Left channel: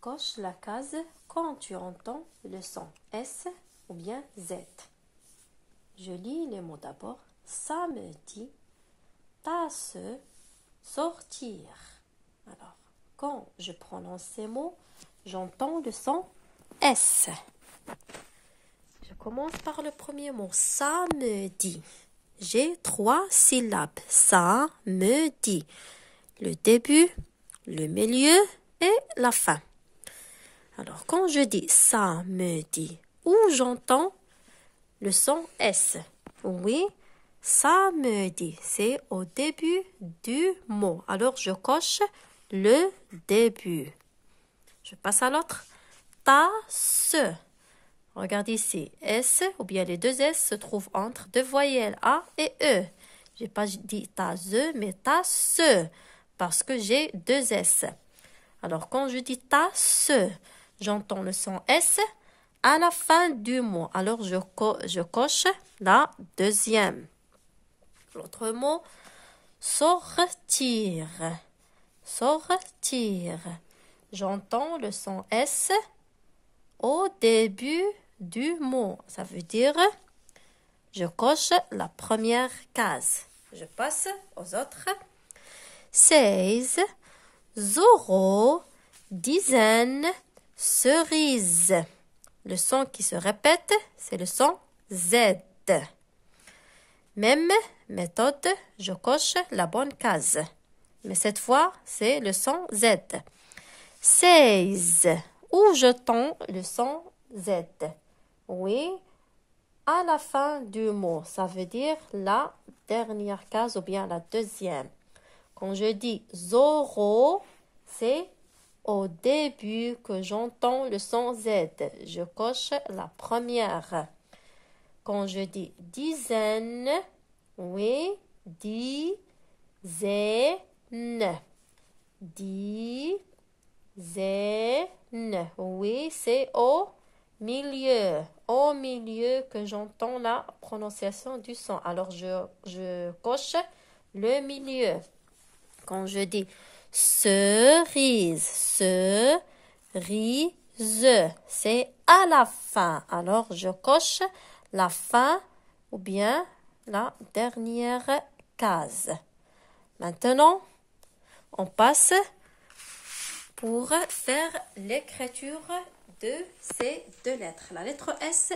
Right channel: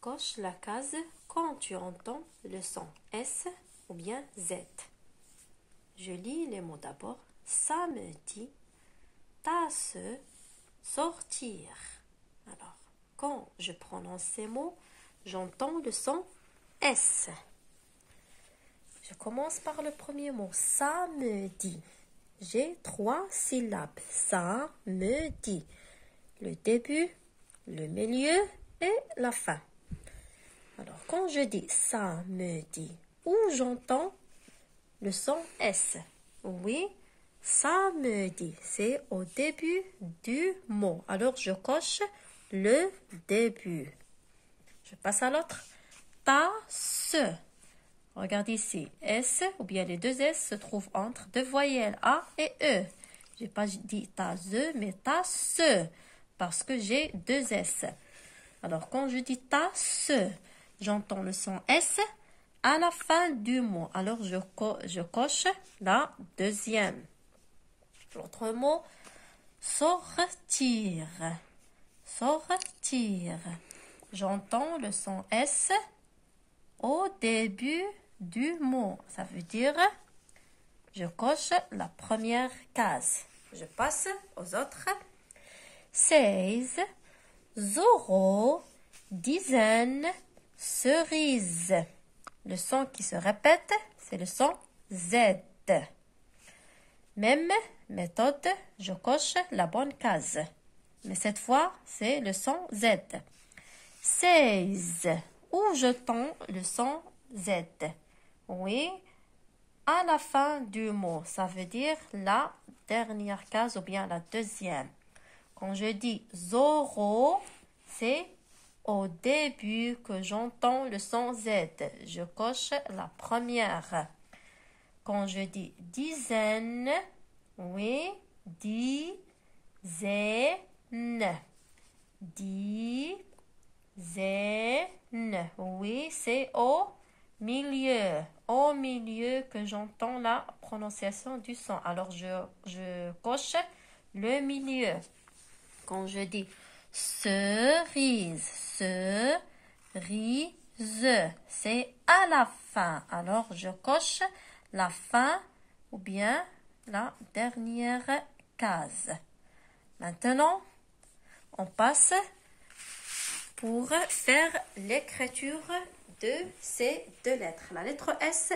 Coche la case quand tu entends le son S ou bien Z. Je lis les mots d'abord. Samedi, tasse, sortir. Alors, quand je prononce ces mots, j'entends le son S. Je commence par le premier mot, samedi. J'ai 3 syllabes. Samedi. Le début, le milieu et la fin. Alors, quand je dis samedi, où j'entends le son S? Oui, samedi, c'est au début du mot. Alors, je coche le début. Je passe à l'autre. Tasse. Regarde ici. S ou bien les deux S se trouvent entre deux voyelles A et E. Je n'ai pas dit tasse, mais tasse parce que j'ai deux S. Alors, quand je dis tasse, j'entends le son S à la fin du mot. Alors, je coche la deuxième. L'autre mot, sortir. Sortir. J'entends le son S au début du mot. Ça veut dire, je coche la première case. Je passe aux autres. 16, zéro, dizaine, cerise. Le son qui se répète, c'est le son Z. Même méthode, je coche la bonne case. Mais cette fois, c'est le son Z. 16. Où j'entends le son Z? Oui, à la fin du mot. Ça veut dire la dernière case ou bien la deuxième. Quand je dis zéro, c'est au début que j'entends le son Z. Je coche la première. Quand je dis dizaine, oui, dizaine. Dizaine. Oui, c'est au milieu. Au milieu que j'entends la prononciation du son. Alors, je coche le milieu. Quand je dis cerise, cerise, c'est à la fin. Alors, je coche la fin ou bien la dernière case. Maintenant, on passe pour faire l'écriture de ces deux lettres. La lettre S